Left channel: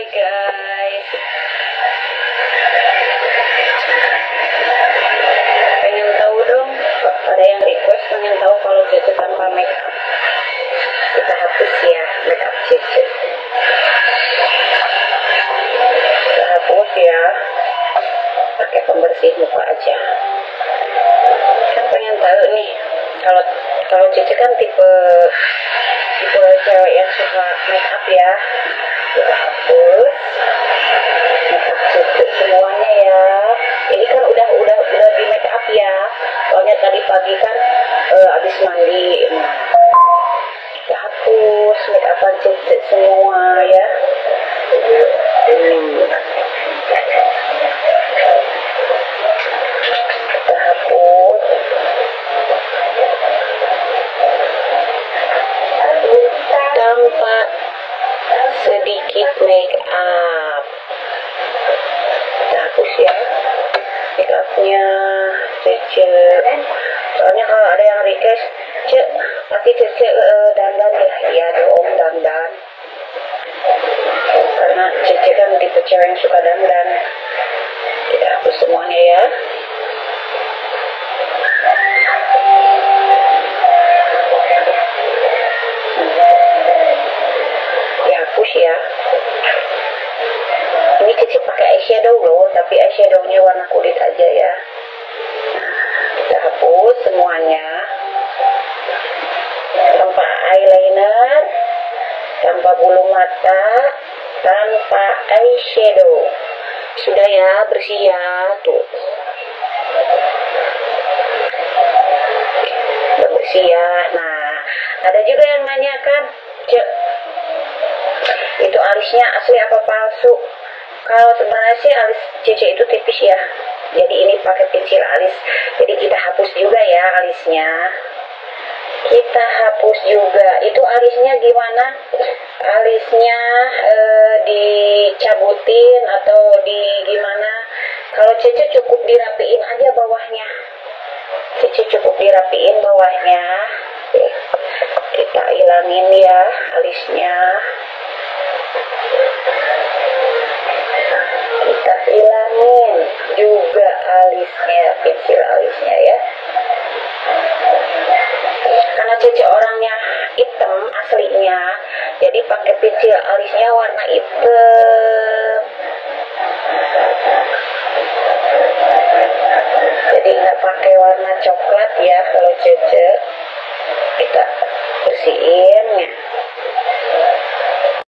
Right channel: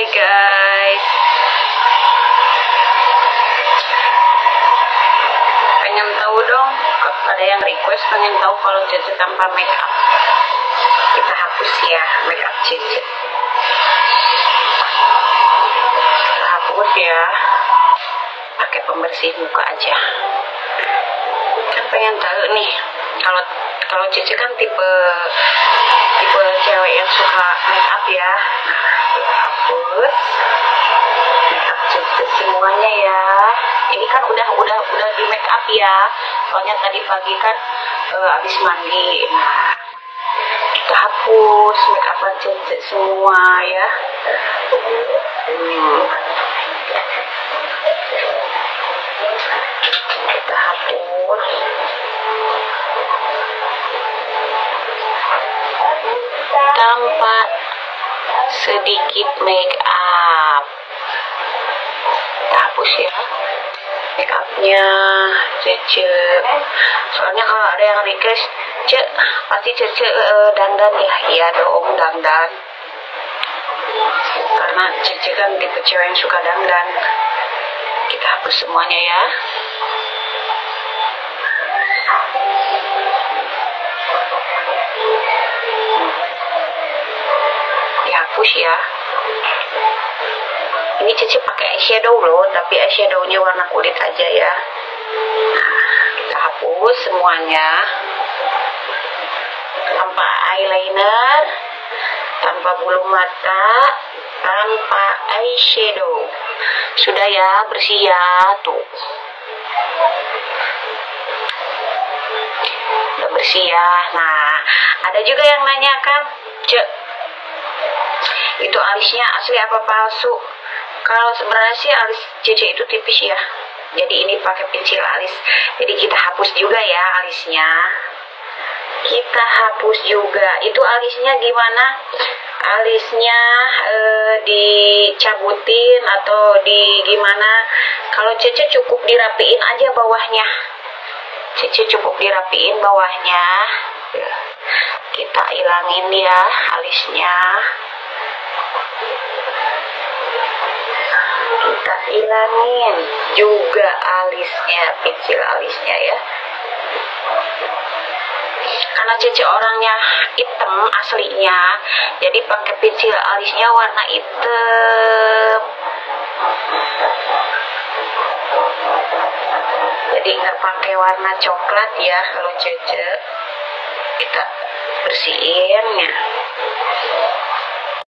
Hai guys, pengen tahu dong, ada yang request pengen tahu kalau Cece tanpa make up. Kita hapus ya make up Cece. Kita hapus ya, pakai pembersih muka aja. Kan pengen tahu nih, kalau Cece kan tipe cewek yang suka make up ya. Kita hapus make up Cece semuanya ya. Ini kan udah di make up ya, soalnya tadi pagi kan abis mandi. Nah, kita hapus make upan Cece semua ya. Kita hapus. Tanpa sedikit make up. Kita hapus ya make upnya Cece. Soalnya kalau ada yang request, Cek, pasti Cece dandan ya. Iya dong, dandan. Karena Cece kan tipe cewek yang suka dandan. Kita hapus semuanya ya. Dihapus ya. Ini Cece pakai eyeshadow loh, tapi eyeshadownya warna kulit aja ya. Nah, kita hapus semuanya. Tanpa eyeliner, tanpa bulu mata, tanpa eyeshadow. Sudah ya, bersih ya, tuh. Udah bersih ya. Nah, ada juga yang nanyakan, Cek, itu alisnya asli apa palsu? Kalau sebenarnya sih alis Cece itu tipis ya, jadi ini pakai pensil alis. Jadi kita hapus juga ya alisnya. Kita hapus juga. Itu alisnya gimana? Alisnya dicabutin atau di gimana? Kalau Cece cukup dirapiin aja bawahnya. Cece cukup dirapiin bawahnya. Kita ilangin ya alisnya. Kita ilangin juga alisnya, pensil alisnya ya. Karena Cece orangnya hitam aslinya, jadi pakai pensil alisnya warna hitam. Jadi nggak pakai warna coklat ya kalau Cece. Kita bersihin ya.